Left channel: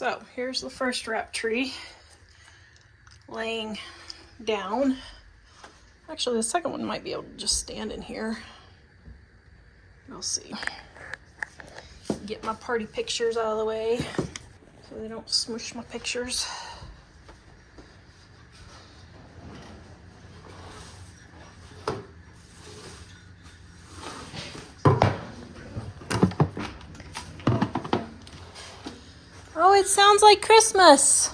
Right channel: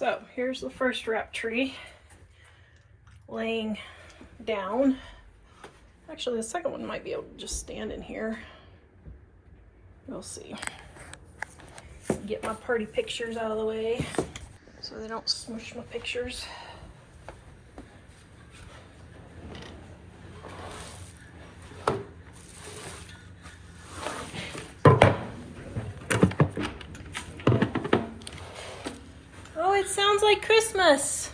So here's the first wrap tree laying down. Actually, the second one might be able to just stand in here. We'll see. Get my party pictures out of the way so they don't smush my pictures. Oh, it sounds like Christmas.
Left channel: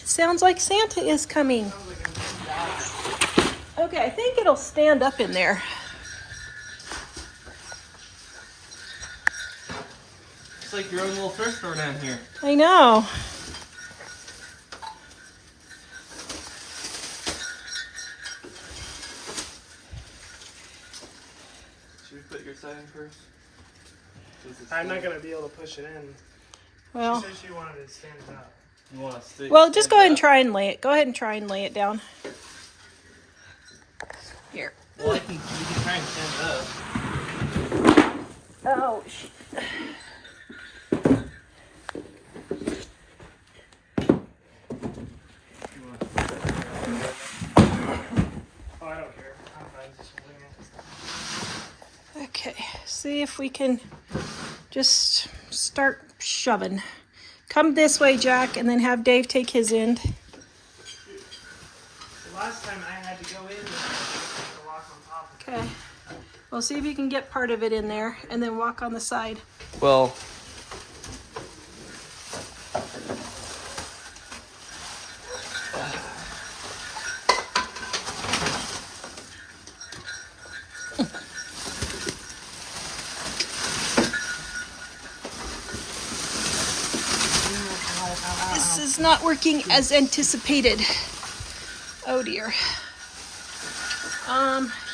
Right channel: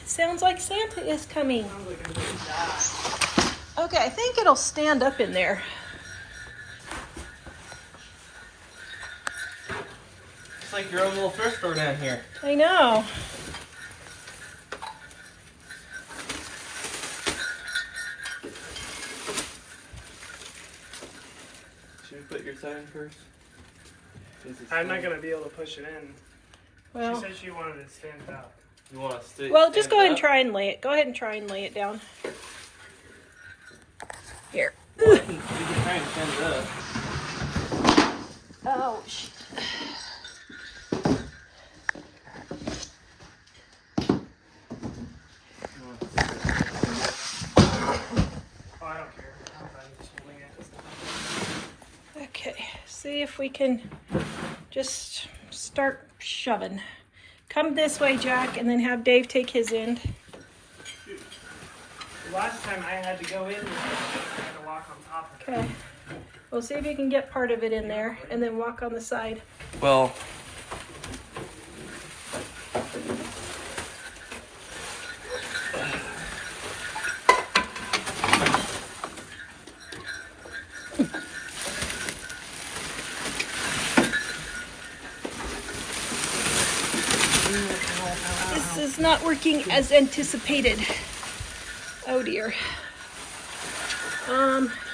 It sounds like Santa is coming. Okay, I think it'll stand up in there. It's like your own little thrift store down here. I know. Should we put your side in first? I'm not gonna be able to push it in. Well, She said she wanted to stand it up. You want to stay? well, just go ahead and try and lay it. Go ahead and try and lay it down. Here. Well, you can try and stand it up. Oh, Oh, I don't care. I'm fine just holding it. okay. See if we can just start shoving. Come this way, Jack, and then have Dave take his end. Last time I had to go in, I had to walk on top of it. Okay. We'll see if you can get part of it in there, and then walk on the side. Well. This is not working as anticipated. Oh dear.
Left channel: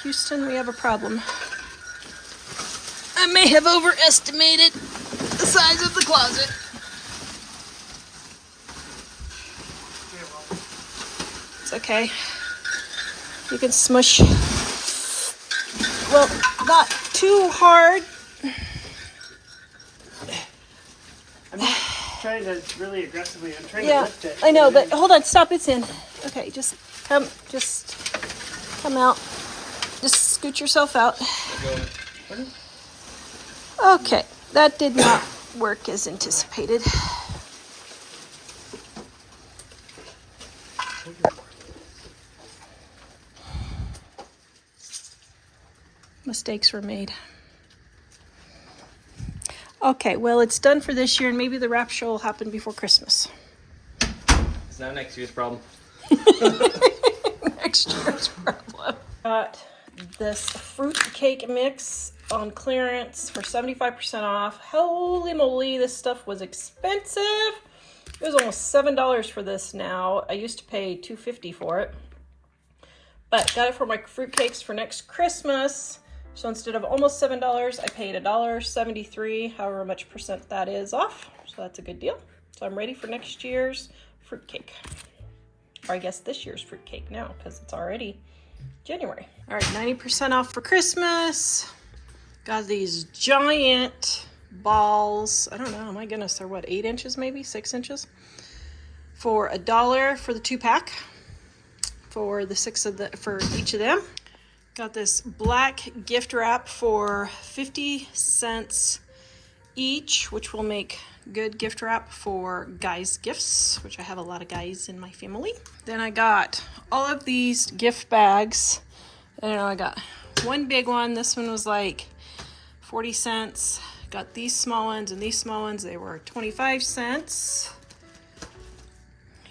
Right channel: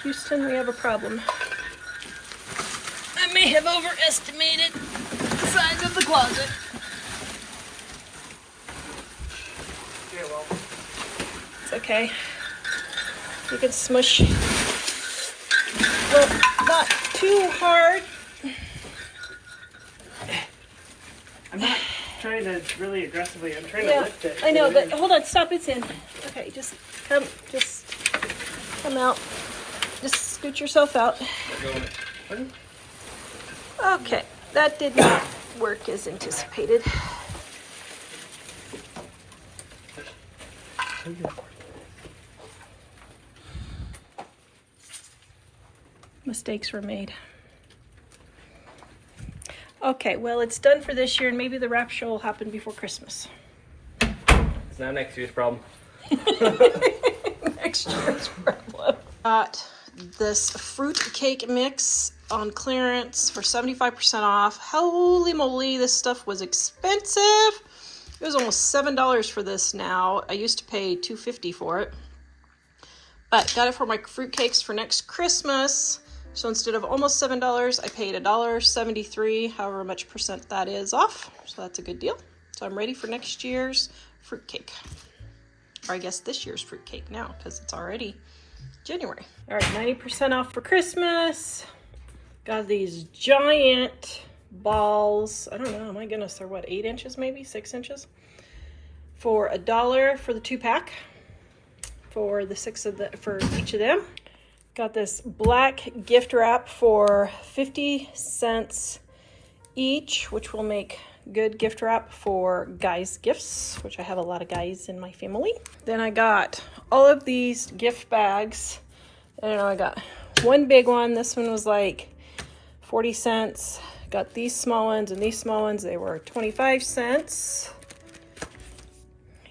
Houston, we have a problem. I may have overestimated the size of the closet. Yeah, well, It's okay. You can smush. Well, not too hard. I'm not trying to really aggressively. I'm trying to Yeah, lift it. I know, but hold on, stop, it's in. Okay, just come out. Just scoot yourself out. Okay, that did not work as anticipated. Mistakes were made. Okay, well, it's done for this year, and maybe the wrap show will happen before Christmas. It's not next year's problem. Next year's problem. Got this fruit cake mix on clearance for 75% off. Holy moly, this stuff was expensive. It was almost $7 for this now. I used to pay $2.50 for it. But got it for my fruitcakes for next Christmas. So instead of almost $7, I paid $1.73, however much percent that is off. So that's a good deal. So I'm ready for next year's fruitcake. Or I guess this year's fruitcake now, because it's already January. All right, 90% off for Christmas. Got these giant balls. I don't know, my goodness, they're what, 8 inches maybe, 6 inches? For $1 for the 2-pack. For the for each of them. Got this black gift wrap for 50 cents each, which will make good gift wrap for guys' gifts, which I have a lot of guys in my family. Then I got all of these gift bags. I don't know, I got one big one. This one was like 40 cents. Got these small ones and these small ones. They were 25 cents.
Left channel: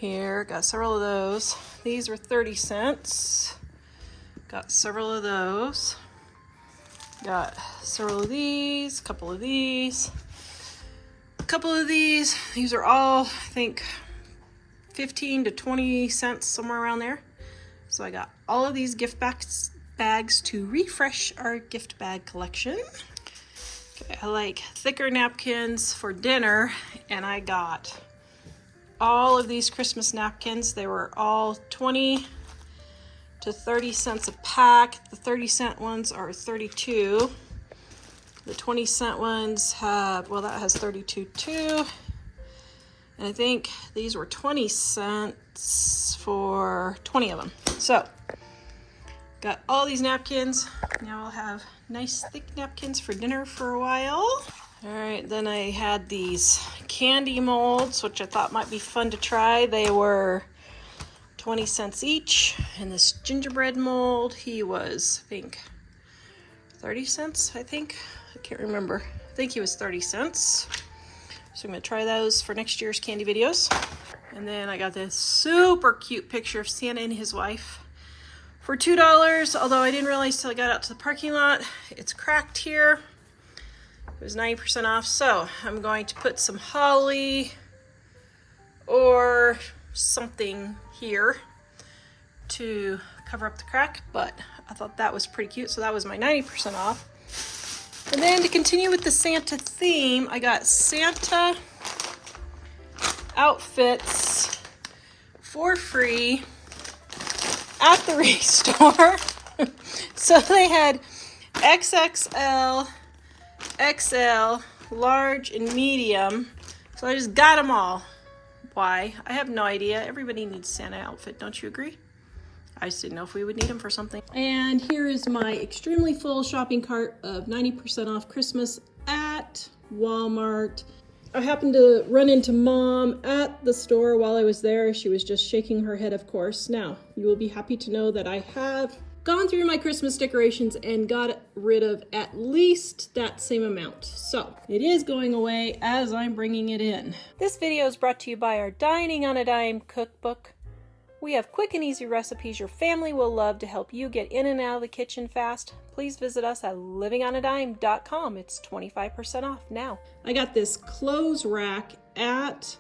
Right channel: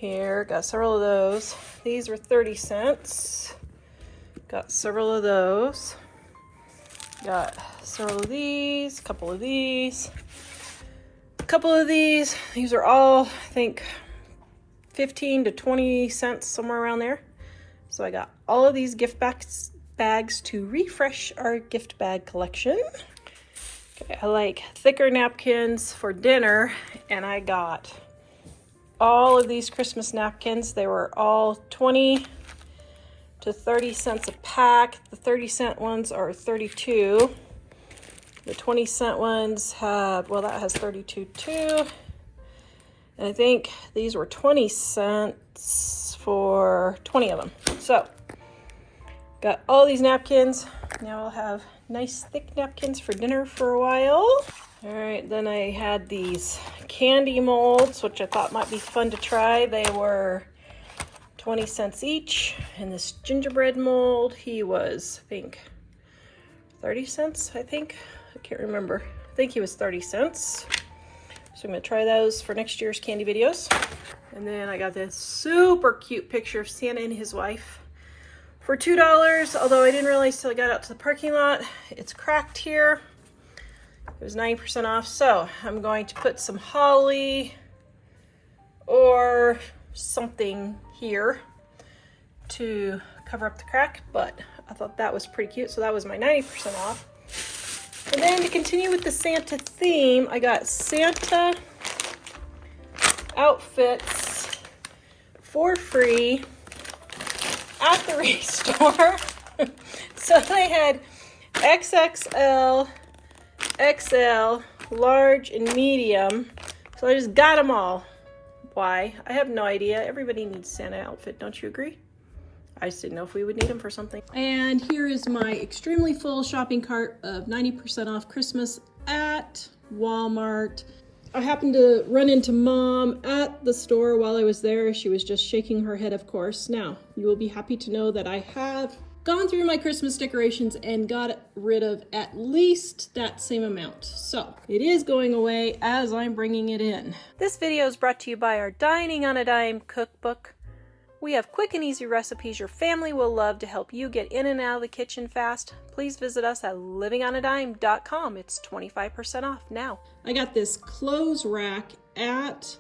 Here, got several of those. These were 30 cents. Got several of those. Got several of these, a couple of these, a couple of these. These are all, I think, 15 to 20 cents, somewhere around there. So I got all of these gift bags to refresh our gift bag collection. Okay, I like thicker napkins for dinner, and I got all of these Christmas napkins. They were all 20 to 30 cents a pack. The 30-cent ones are 32. The 20-cent ones have, well, that has 32 too. And I think these were 20 cents for 20 of them. So, got all these napkins. Now I'll have nice thick napkins for dinner for a while. All right, then I had these candy molds, which I thought might be fun to try. They were 20 cents each. And this gingerbread mold, he was, I think, 30 cents, I think. I can't remember. I think he was 30 cents. So I'm gonna try those for next year's candy videos. And then I got this super cute picture of Santa and his wife for $2, although I didn't realize till I got out to the parking lot. It's cracked here. It was 90% off, so I'm going to put some holly or something here to cover up the crack, but I thought that was pretty cute, so that was my 90% off. And then to continue with the Santa theme, I got Santa outfits for free at the Thrift store. So they had XXL, XL, large, and medium. So I just got them all. Why? I have no idea. Everybody needs a Santa outfit, don't you agree? I just didn't know if we would need them for something. And here is my extremely full shopping cart of 90% off Christmas at Walmart. I happened to run into Mom at the store while I was there. She was just shaking her head, of course. Now, you will be happy to know that I have gone through my Christmas decorations and got rid of at least that same amount. So, it is going away as I'm bringing it in. This video is brought to you by our Dining on a Dime cookbook. We have quick and easy recipes your family will love to help you get in and out of the kitchen fast. Please visit us at livingonadime.com. It's 25% off now. I got this clothes rack at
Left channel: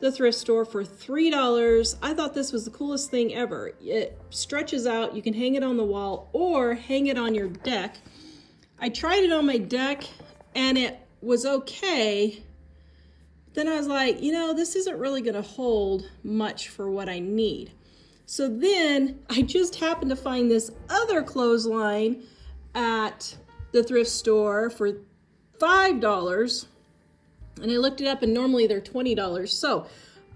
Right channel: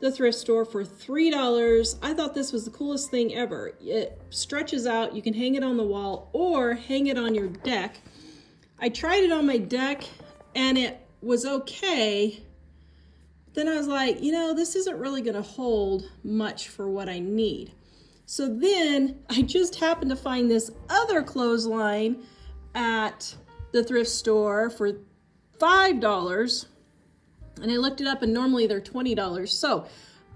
the thrift store for $3. I thought this was the coolest thing ever. It stretches out. You can hang it on the wall or hang it on your deck. I tried it on my deck and it was okay. Then I was like, you know, this isn't really going to hold much for what I need. So then I just happened to find this other clothesline at the thrift store for $5. And I looked it up and normally they're $20. So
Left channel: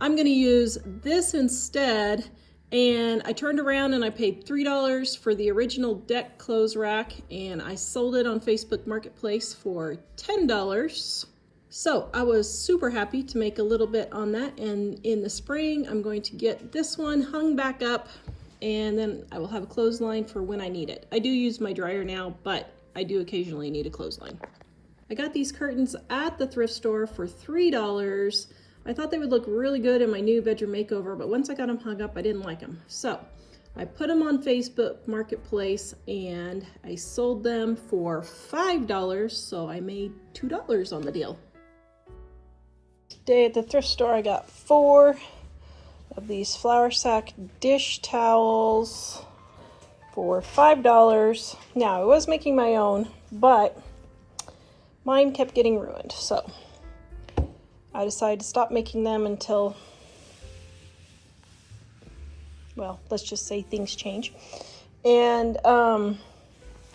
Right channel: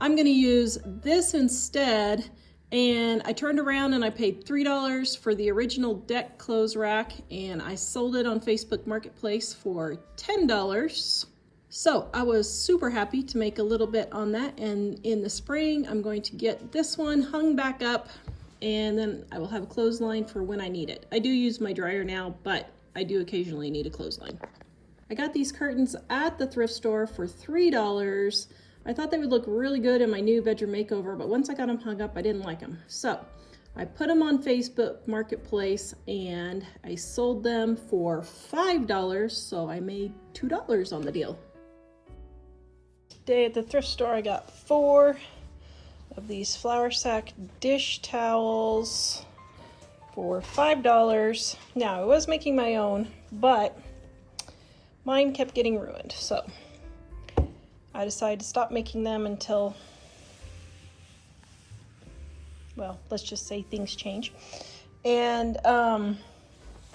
I'm going to use this instead. And I turned around and I paid $3 for the original deck clothes rack. And I sold it on Facebook Marketplace for $10. So I was super happy to make a little bit on that, and in the spring I'm going to get this one hung back up, and then I will have a clothesline for when I need it. I do use my dryer now, but I do occasionally need a clothesline. I got these curtains at the thrift store for $3. I thought they would look really good in my new bedroom makeover, but once I got them hung up, I didn't like them. So I put them on Facebook Marketplace and I sold them for $5, so I made $2 on the deal. Today at the thrift store I got 4 of these flour sack dish towels for $5. Now I was making my own, but mine kept getting ruined, so I decided to stop making them until, well, let's just say things change. And I'm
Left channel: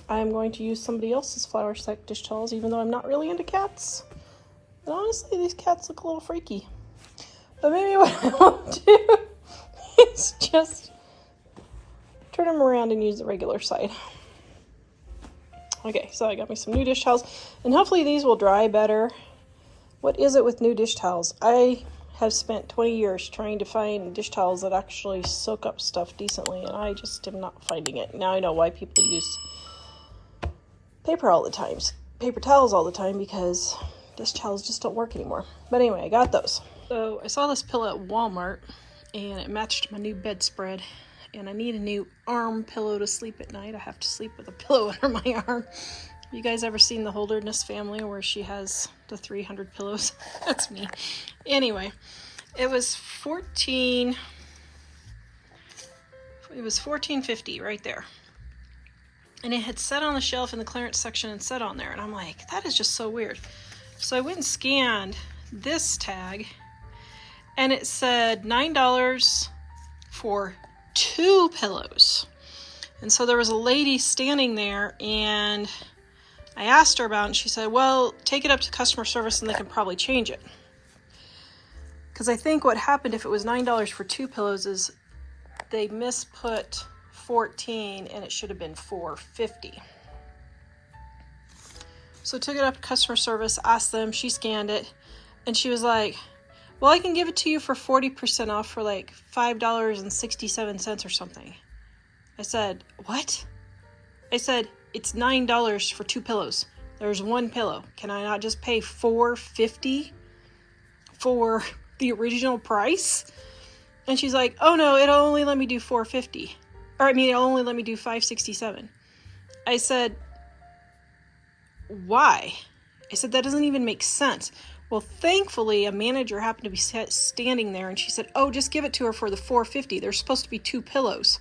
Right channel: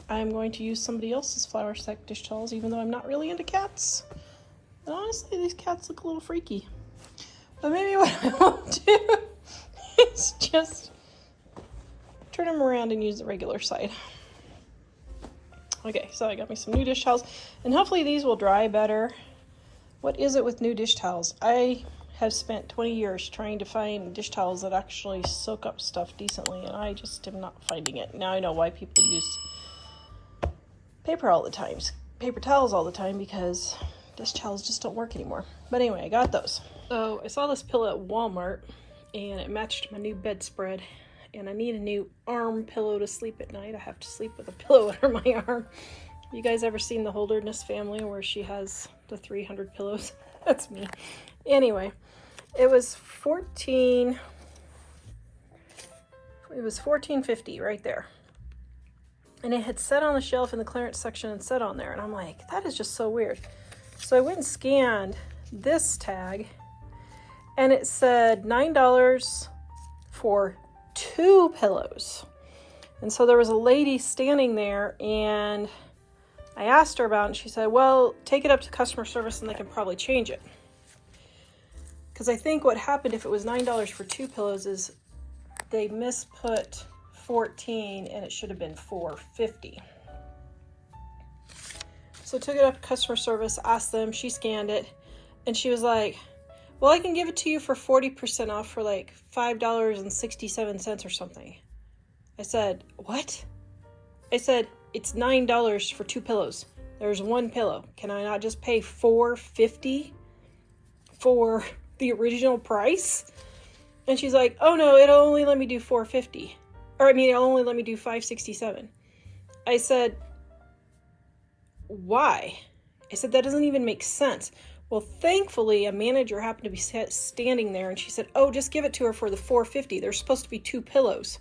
going to use somebody else's flour sack dish towels, even though I'm not really into cats. And honestly, these cats look a little freaky. But maybe what I will do is just turn them around and use the regular side. Okay, so I got me some new dish towels, and hopefully these will dry better. What is it with new dish towels? I have spent 20 years trying to find dish towels that actually soak up stuff decently, and I just am not finding it. Now I know why people use paper towels all the time, because dish towels just don't work anymore. But anyway, I got those. So I saw this pillow at Walmart and it matched my new bedspread, and I need a new arm pillow to sleep at night. I have to sleep with a pillow under my arm. You guys ever seen the Holderness Family where she has the 300 pillows? That's me. Anyway, it was $14.50 right there. And it had sat on the shelf in the clearance section and sat on there, and I'm like, that is just so weird. So I went and scanned this tag, and it said $9 for 2 pillows. And so there was a lady standing there, and I asked her about it, and she said, well, take it up to customer service and they can probably change it. Because I think what happened if it was $9 for 2 pillows is they misput 14 and it should have been $4.50. So I took it up to customer service, asked them, she scanned it, and she was like, well, I can give it to you for 40% off for like $5.67 or something. I said, what? I said, it's $9 for 2 pillows. There's 1 pillow. Can I not just pay $4.50 for the original price? And she's like, oh no, it'll only let me do $4.50. It'll only let me do $5.67. I said, why? I said, that doesn't even make sense. Well, thankfully, a manager happened to be standing there, and she said, oh, just give it to her for the $4.50. There's supposed to be 2 pillows.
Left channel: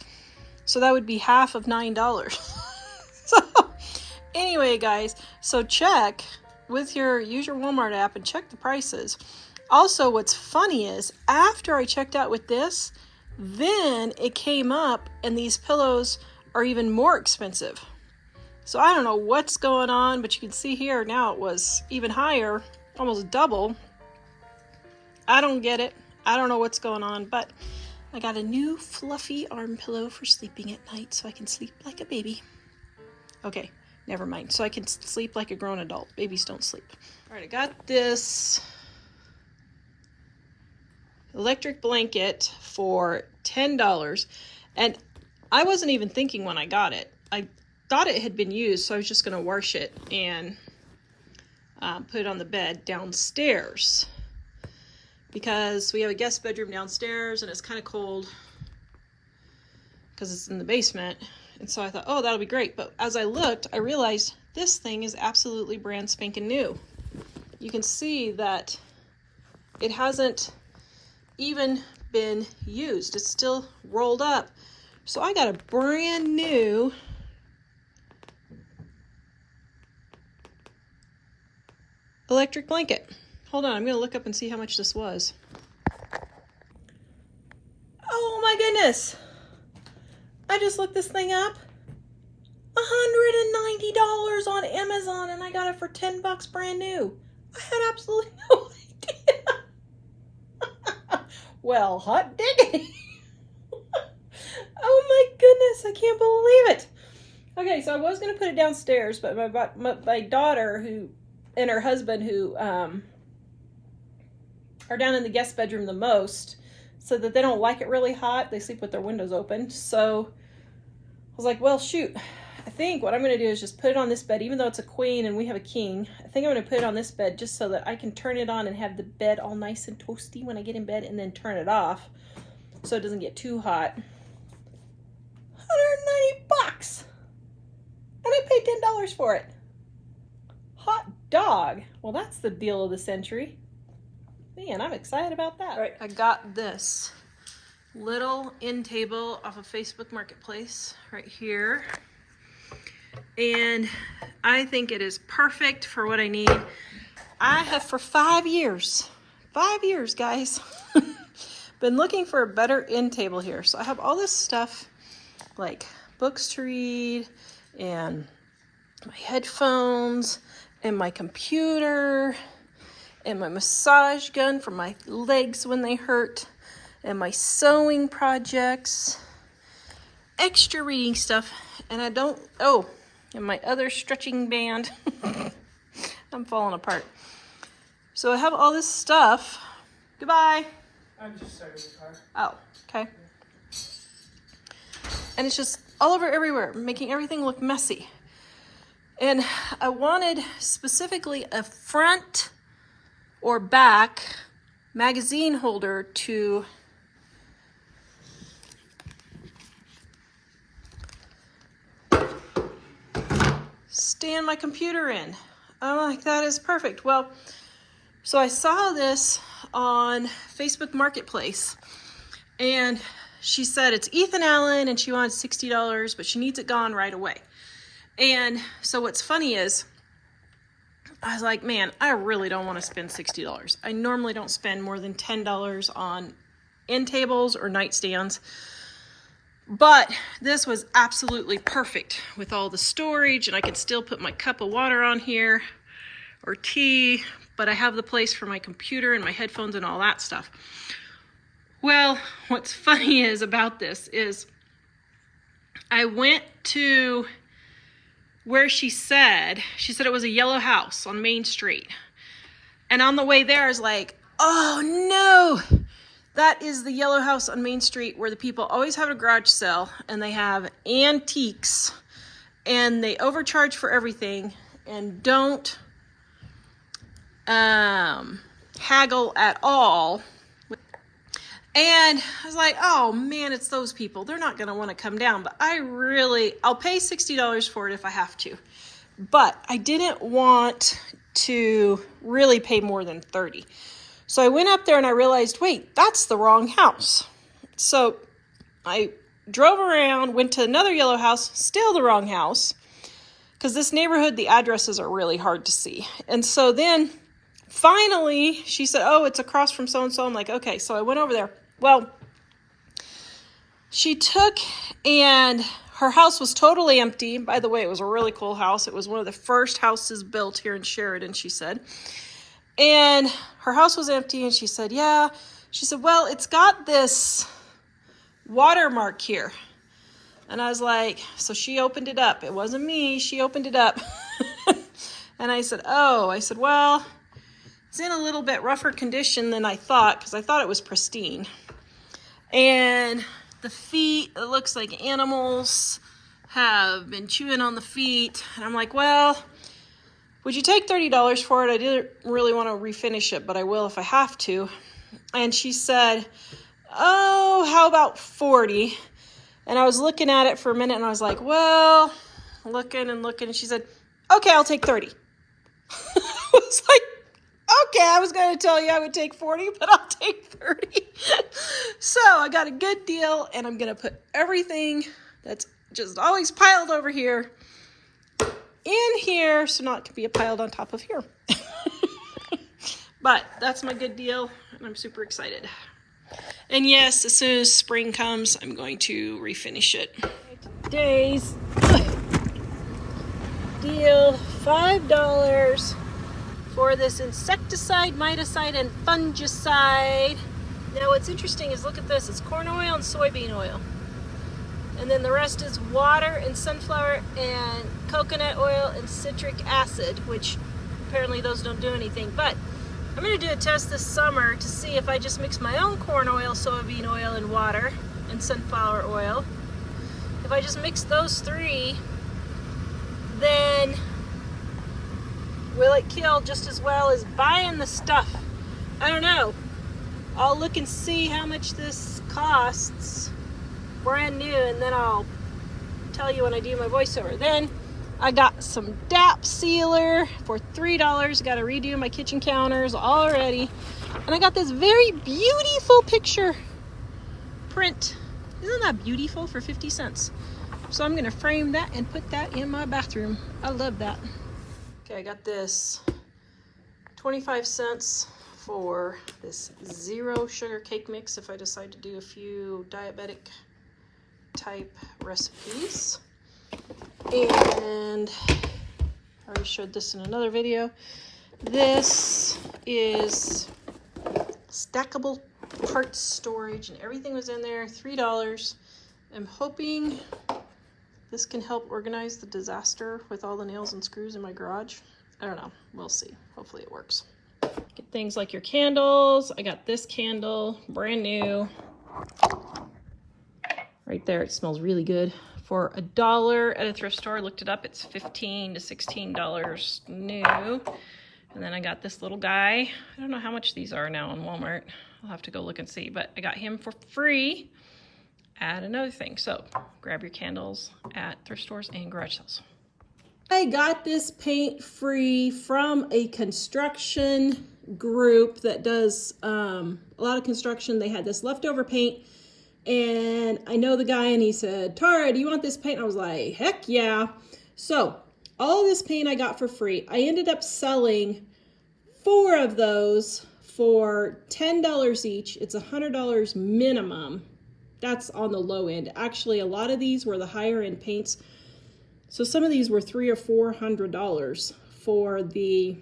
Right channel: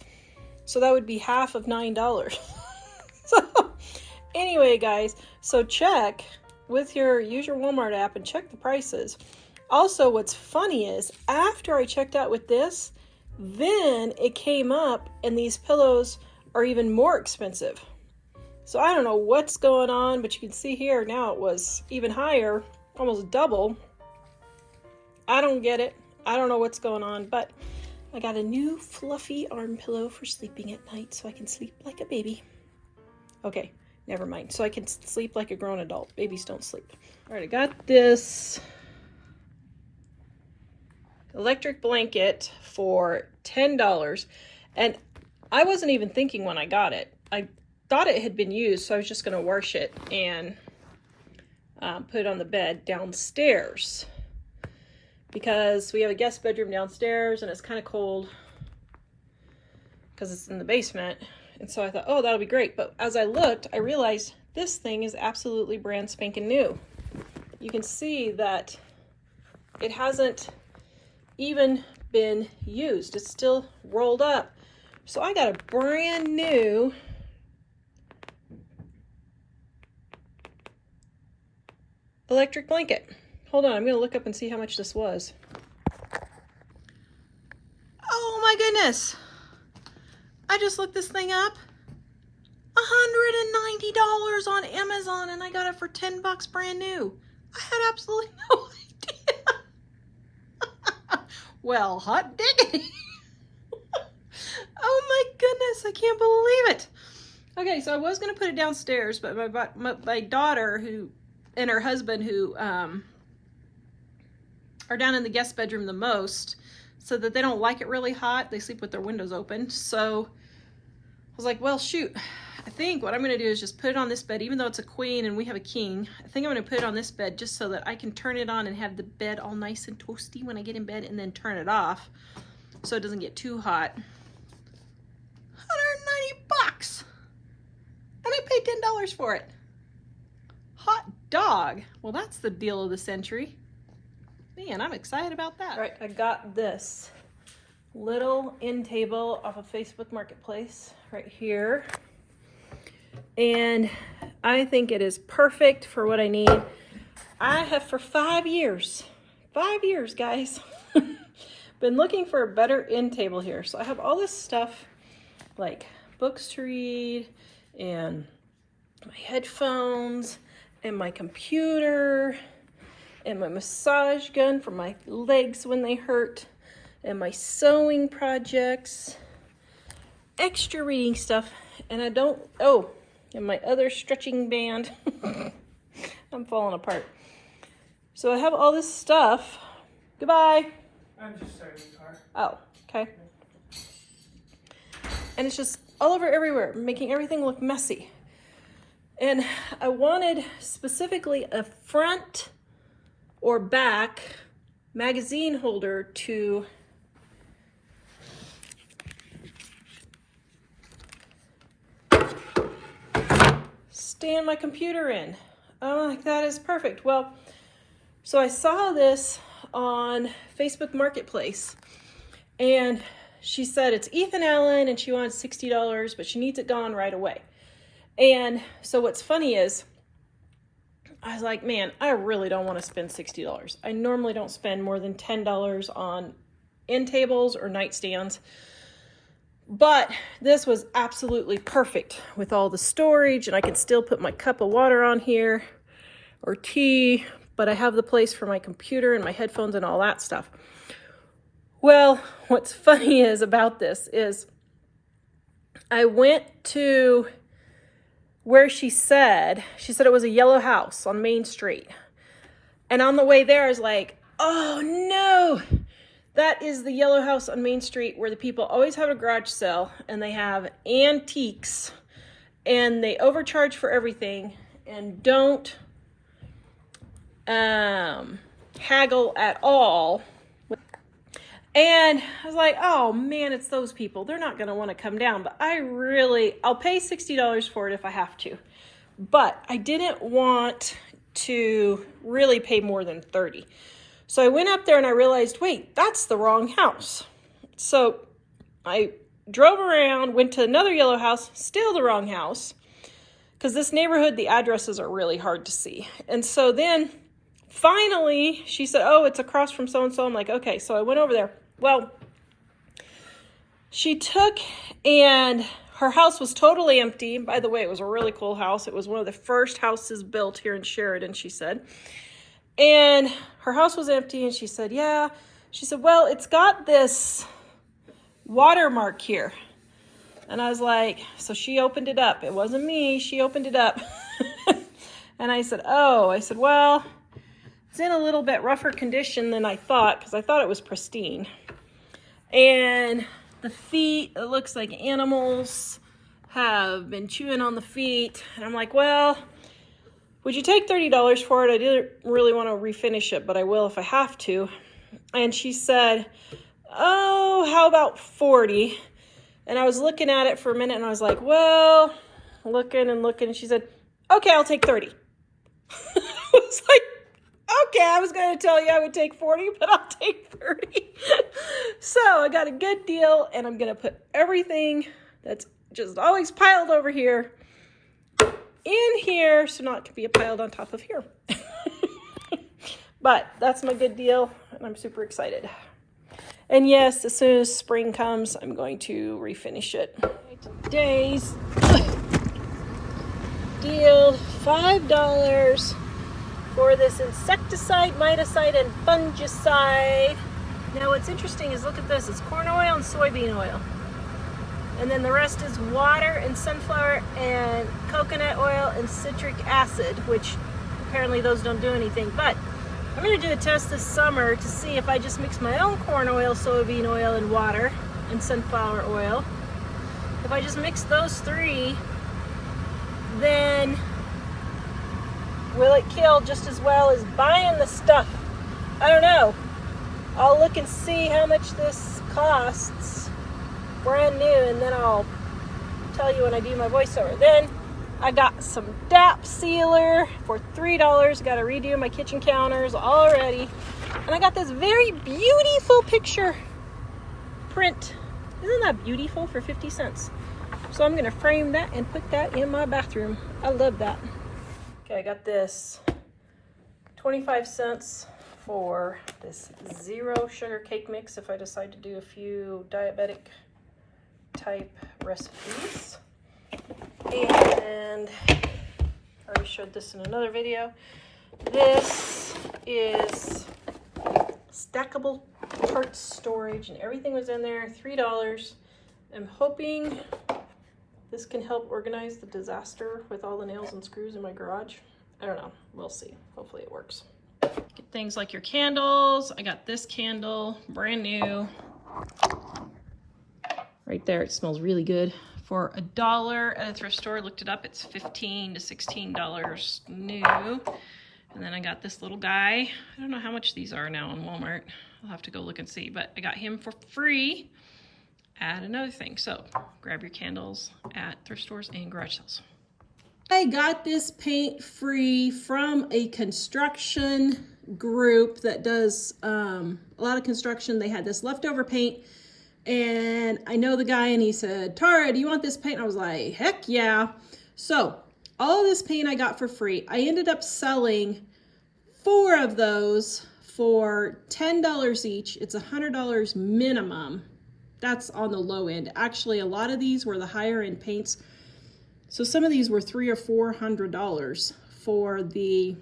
So that would be half of $9. So anyway, guys, so use your Walmart app and check the prices. Also, what's funny is after I checked out with this, then it came up and these pillows are even more expensive. So I don't know what's going on, but you can see here now it was even higher, almost double. I don't get it. I don't know what's going on, but I got a new fluffy arm pillow for sleeping at night so I can sleep like a baby. Okay, never mind. So I can sleep like a grown adult. Babies don't sleep. All right, I got this electric blanket for $10, and I wasn't even thinking when I got it. I thought it had been used, so I was just going to wash it and put it on the bed downstairs because we have a guest bedroom downstairs and it's kind of cold because it's in the basement. And so I thought, oh, that'll be great. But as I looked, I realized this thing is absolutely brand spanking new. You can see that it hasn't even been used. It's still rolled up. So I got a brand new electric blanket. Hold on, I'm going to look up and see how much this was. Oh my goodness. I just looked this thing up. $190 on Amazon, and I got it for $10 brand new. I had absolutely no idea. Well, hot diggity. Oh my goodness, I can't believe it. Okay, so I was going to put it downstairs, but my daughter and her husband who are down in the guest bedroom the most, so that they don't like it really hot. They sleep with their windows open. So I was like, well, shoot. I think what I'm going to do is just put it on this bed, even though it's a queen and we have a king. I think I'm going to put it on this bed just so that I can turn it on and have the bed all nice and toasty when I get in bed, and then turn it off so it doesn't get too hot. $190. And I paid $10 for it. Hot dog. Well, that's the deal of the century. Man, I'm excited about that. All right, I got this little end table off of Facebook Marketplace right here. And I think it is perfect for what I need. I have for 5 years, guys, been looking for a better end table here. So I have all this stuff like books to read and my headphones and my computer and my massage gun for my legs when they hurt and my sewing projects, extra reading stuff, and and my other stretching band. I'm falling apart. So I have all this stuff. Goodbye. I'm just starting the car. Oh, okay. And it's just all over everywhere, making everything look messy. And I wanted specifically a front or back magazine holder to stand my computer in. I'm like, that is perfect. Well, so I saw this on Facebook Marketplace, and she said it's Ethan Allen and she wants $60, but she needs it gone right away. And so what's funny is I was like, man, I really don't want to spend $60. I normally don't spend more than $10 on end tables or nightstands. But this was absolutely perfect with all the storage, and I can still put my cup of water on here or tea, but I have the place for my computer and my headphones and all that stuff. Well, what's funny is about this is I went to where she said it was a yellow house on Main Street. And on the way there, I was like, oh no, that is the yellow house on Main Street where the people always have a garage sale and they have antiques and they overcharge for everything and don't haggle at all. And I was like, oh man, it's those people. They're not going to want to come down, but I'll pay $60 for it if I have to. But I didn't want to really pay more than $30. So I went up there and I realized, wait, that's the wrong house. So I drove around, went to another yellow house, still the wrong house. Because this neighborhood, the addresses are really hard to see. And so then finally she said, oh, it's across from so-and-so. I'm like, okay. So I went over there. Well, she took and her house was totally empty. By the way, it was a really cool house. It was one of the first houses built here in Sheridan, she said. And her house was empty, and she said, yeah. She said, well, it's got this watermark here. And I was like, so she opened it up. It wasn't me. She opened it up. And I said, oh. I said, well, it's in a little bit rougher condition than I thought, because I thought it was pristine. And the feet, it looks like animals have been chewing on the feet. And I'm like, well, would you take $30 for it? I didn't really want to refinish it, but I will if I have to. And she said, oh, how about 40? And I was looking at it for a minute and I was like, well, looking and looking. And she said, okay, I'll take 30. I was like, okay, I was going to tell you I would take 40, but I'll take 30. So I got a good deal, and I'm going to put everything that's just always piled over here in here, so not to be piled on top of here. But that's my good deal, and I'm super excited. And yes, as soon as spring comes, I'm going to refinish it. Today's deal, $5 for this insecticide, miticide, and fungicide. Now what's interesting is, look at this, it's corn oil and soybean oil. And then the rest is water and sunflower and coconut oil and citric acid, which apparently those don't do anything. But I'm going to do a test this summer to see if I just mix my own corn oil, soybean oil, and water and sunflower oil. If I just mix those three, then will it kill just as well as buying the stuff? I don't know. I'll look and see how much this costs brand new, and then I'll tell you when I do my voiceover. Then I got some DAP sealer for $3. Got to redo my kitchen counters already. And I got this very beautiful picture print. Isn't that beautiful, for 50 cents? So I'm going to frame that and put that in my bathroom. I love that. Okay, I got this 25 cents for this 0 sugar cake mix if I decide to do a few diabetic type recipes. And I already showed this in another video. This is stackable parts storage, and everything was in there, $3. I'm hoping this can help organize the disaster with all the nails and screws in my garage. I don't know. We'll see. Hopefully it works. Get things like your candles. I got this candle, brand new. Right there. It smells really good. For $1 at a thrift store. Looked it up. It's $15 to $16 new. And then I got this little guy. I don't know how much these are now on Walmart. I'll have to go look and see. But I got him for free. Add another thing. So grab your candles at thrift stores and garage sales. I got this paint free from a construction group that does a lot of construction. They had this leftover paint, and I know the guy, and he said, Tara, do you want this paint? I was like, heck yeah. So all of this paint I got for free. I ended up selling 4 of those for $10 each. It's $100 minimum. that's on the low end. Actually, a lot of these were the higher end paints. So some of these were $300 or $400 for the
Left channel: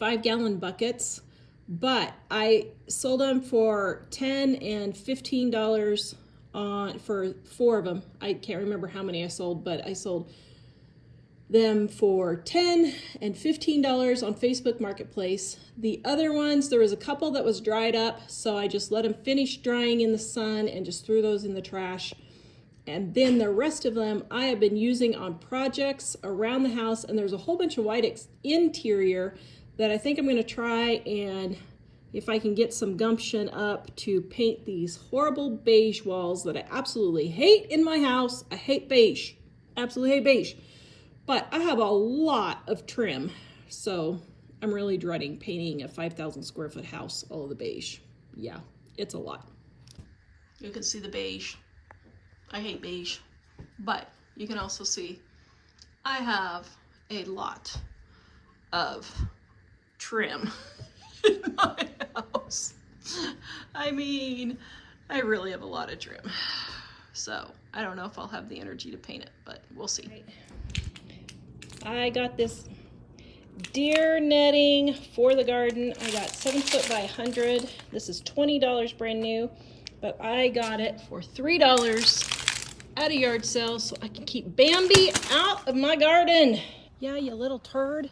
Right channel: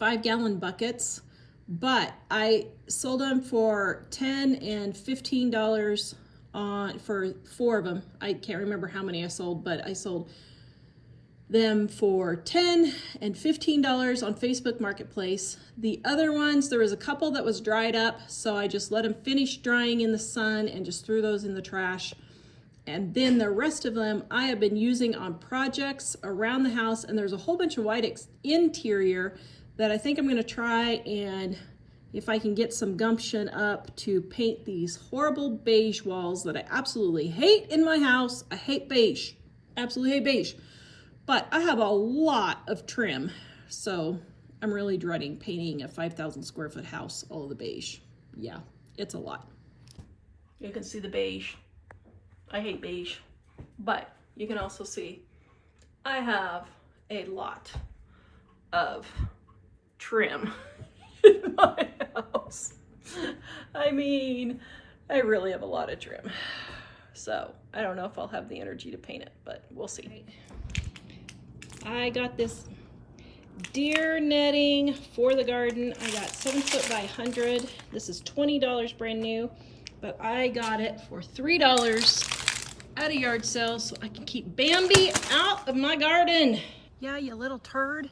5-gallon buckets, but I sold them for $10 and $15 for 4 of them. I can't remember how many I sold, but I sold them for $10 and $15 on Facebook Marketplace. The other ones, there was a couple that was dried up, so I just let them finish drying in the sun and just threw those in the trash. And then the rest of them I have been using on projects around the house, and there's a whole bunch of white interior that I think I'm going to try, and if I can get some gumption up to paint these horrible beige walls that I absolutely hate in my house. I hate beige. Absolutely hate beige. But I have a lot of trim, so I'm really dreading painting a 5,000 square foot house all of the beige. Yeah, it's a lot. You can see the beige. I hate beige, but you can also see I have a lot of trim in my house. I mean, I really have a lot of trim. So I don't know if I'll have the energy to paint it, but we'll see. I got this deer netting for the garden. I got 7 foot by 100. This is $20 brand new, but I got it for $3 at a yard sale so I can keep Bambi out of my garden. Yeah, you little turd.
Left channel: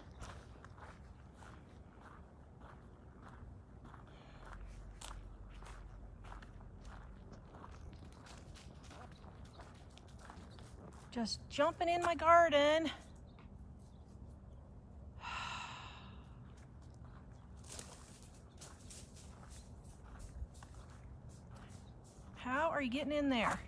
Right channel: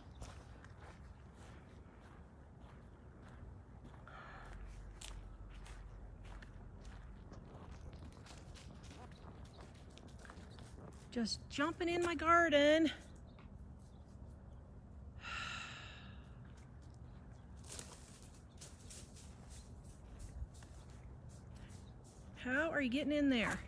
Just jumping in my garden. How are you getting in there?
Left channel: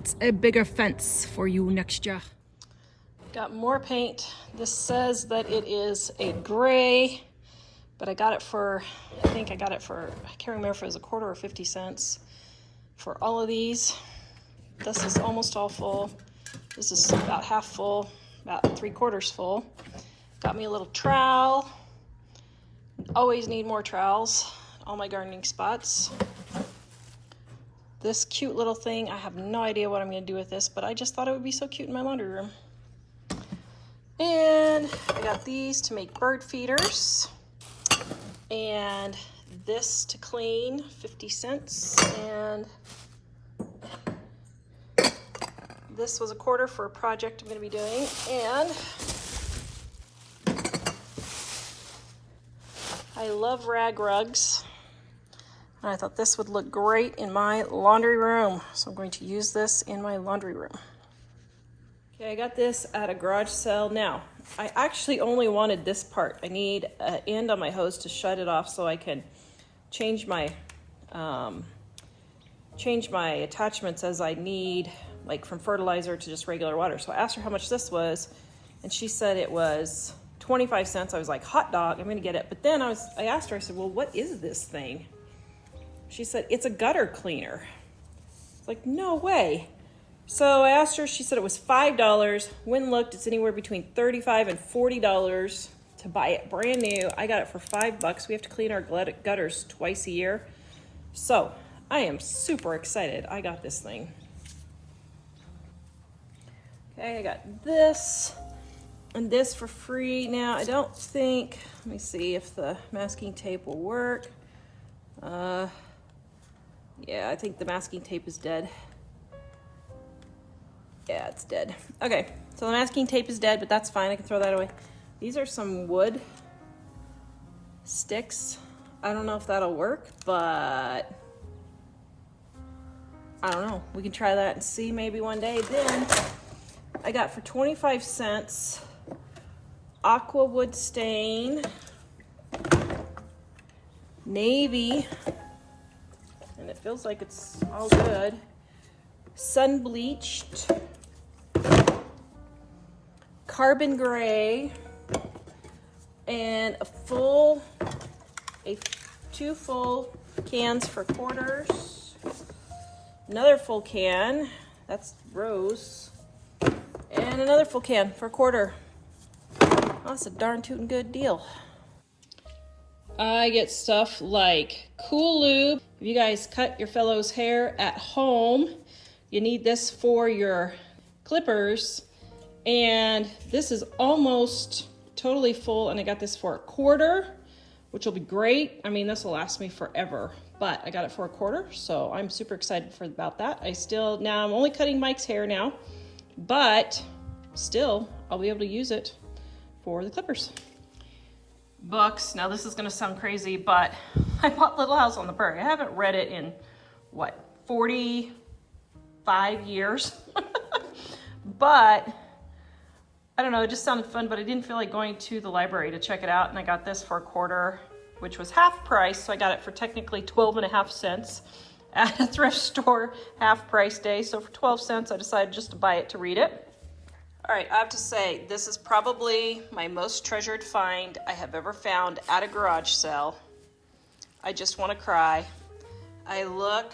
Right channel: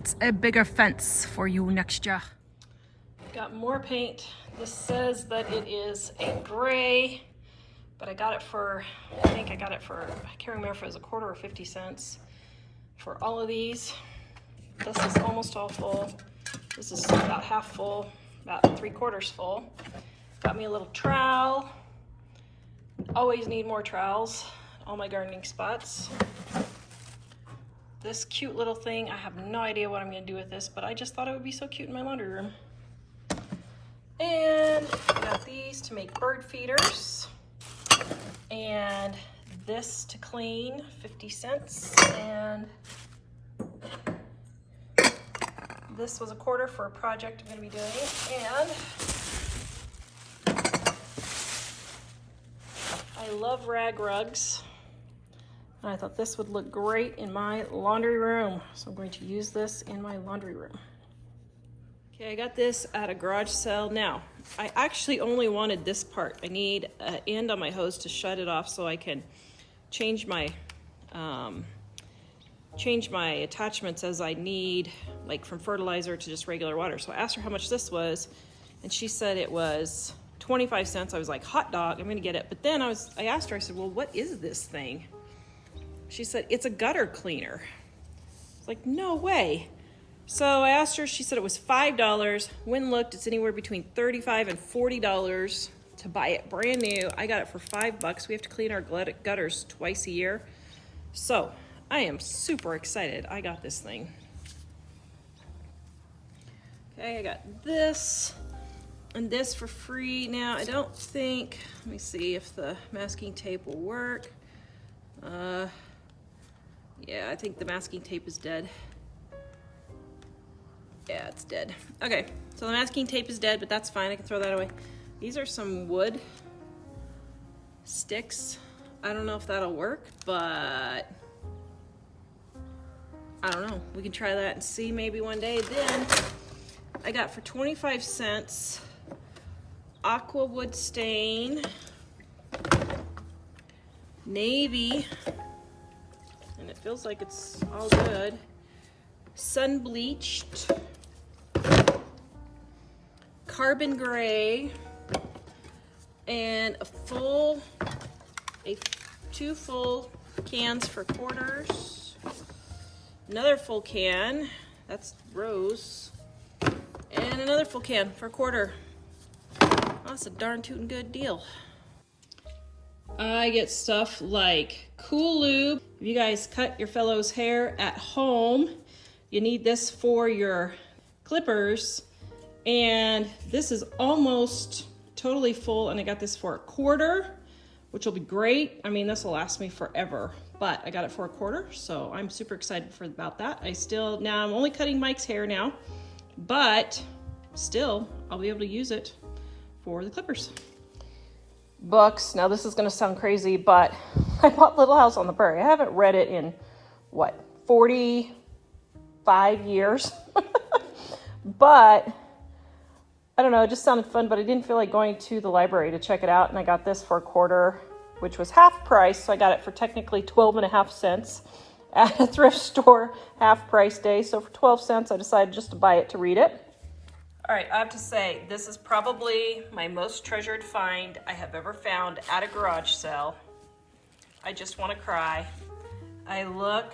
It's a bigger fence for you next year. Got more paint. This says that it is a gray, but I got it for, I think I got it for, I can't remember if it was a quarter or 50 cents for all of these. This is almost all full. This is about half full, about 3/4 full. Got me a little trowel. Always need more trowels, all my gardening spots. This cute little thing, I have no idea what I'm going to do with this, but I just thought it would be so cute in my laundry room. And I got these to make bird feeders. And this to clean, 50 cents. And this was a quarter for a project I'm going to be doing. And I love rag rugs. And I thought this would look great in my laundry room. So I'm going to use this in my laundry room. Okay, I got this at a garage sale. Now, I actually only wanted this part. I need an end on my hose to shut it off so I can change my attachments as I need, like from fertilizer to just regular water. So I asked her how much this was, and she said it was 25 cents. I was like, hot dog, I'm gonna get it. But then I asked her, I said, well, what is this thing? She said, it's a gutter cleaner. I was like, no way. So I asked her, she said it was $5. Went and looked, it's anywhere between $35 and $40 to buy it brand new. I got it for $5. We have to clean our gutters twice a year. So I am super excited. I got this thing. Okay, I got this and this for free. Now, I don't think, let me see if the masking tape will work. Yeah, I think the masking tape is dead. Yeah, it's dead. Okay, so the masking tape is dead, but that's fine. I can throw that away. These are some wood sticks. I don't know if that'll work, but I don't know. We can try that and see maybe one day. Then I got for 25 cents aqua wood stain, navy, and it feels like it's all good. sun bleached, carbon gray, and two full cans for quarters. Another full can, that's rose, and another full can for a quarter. Oh, that's a darn tootin' good deal. I get stuff like Cool Lube. If you guys cut your fellow's hair at home, you need this for your clippers. And this is almost totally full, and I got this for a quarter, which will be great. I mean, this will last me forever, but I got it for a quarter, so I'm super excited about that. Now I'm only cutting Mike's hair now, but still I'll be able to use it for the clippers. Books. Now this is going to sound crazy, but I bought Little House on the Prairie. I haven't read it in, 45 years? But I don't know, it just sounded fun, but I didn't feel like going to the library to check it out, and I got this for a quarter, which was half price, so I got it for technically 12.5 cents at a thrift store half price day. So for 12 cents, I decided just to buy it to read it. All right, I have to say, this is probably my most treasured find I have ever found at a garage sale. I just want to cry. I look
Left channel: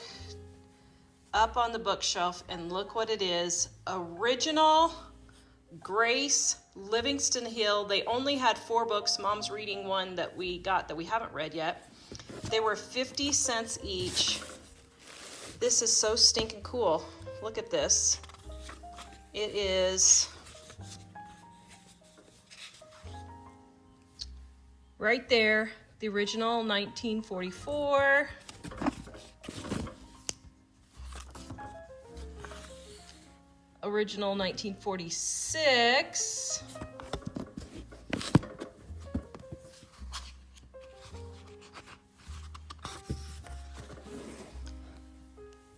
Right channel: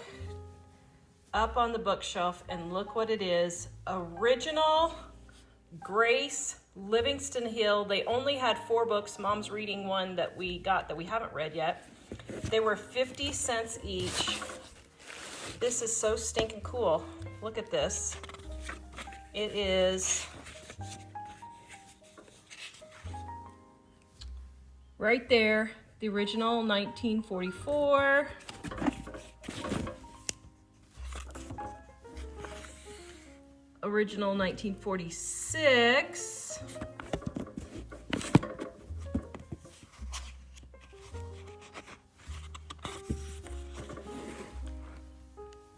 up on the bookshelf and look what it is. Original Grace Livingston Hill. They only had 4 books. Mom's reading one that we got that we haven't read yet. They were 50 cents each. This is so stinking cool. Look at this. It is right there, the original 1944. Original 1946.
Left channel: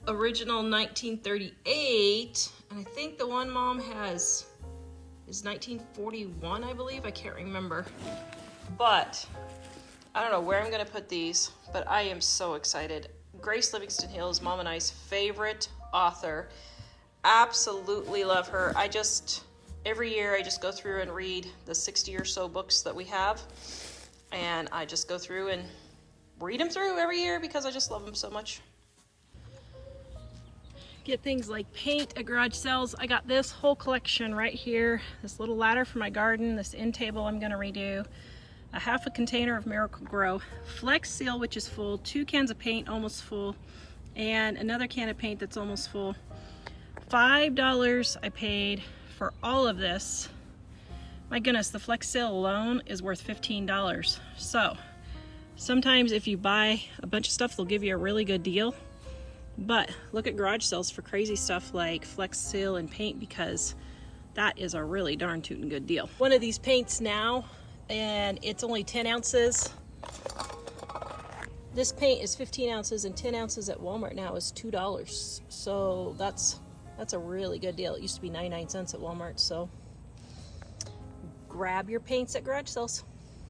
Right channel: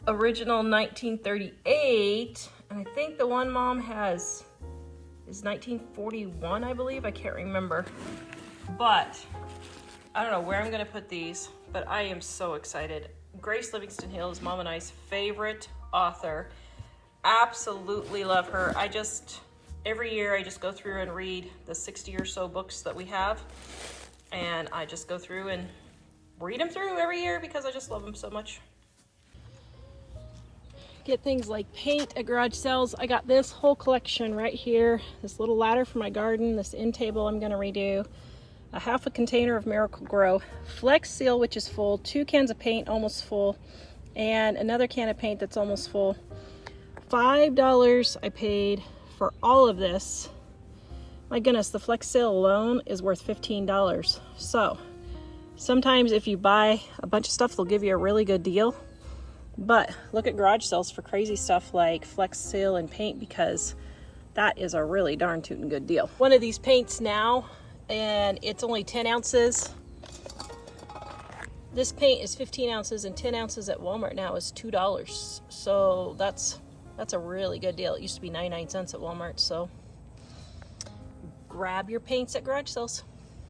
Original 1938. And I think the one Mom has is 1941, I believe. I can't remember. But I don't know where I'm going to put these, but I am so excited. Grace Livingston Hill is Mom and I's favorite author. Absolutely love her. Every year I just go through and read the 60 or so books that we have. And I just go through and read them through every year because I just love them so much. Get things like paint at garage sales. I got this whole collection right here. This little ladder for my garden, this end table I'm gonna redo. A half a container of Miracle Grow. Flex Seal, which is full. 2 cans of paint, almost full. And another can of paint that's almost full. $5 I paid for all of this. My goodness, the Flex Sale alone is worth $15. So sometimes if you buy a bunch of stuff, they'll give you a really good deal. But look at garage sales for crazy stuff like Flex Seal and paint, because that is a really darn tootin' good deal. One of these paints now, and it's only 10 ounces. This paint is 15 ounces, and 10 ounces at Walmart now is $2. So that's a really good deal. It used to be 99 cents at Walmart, so grab your paints at garage sales.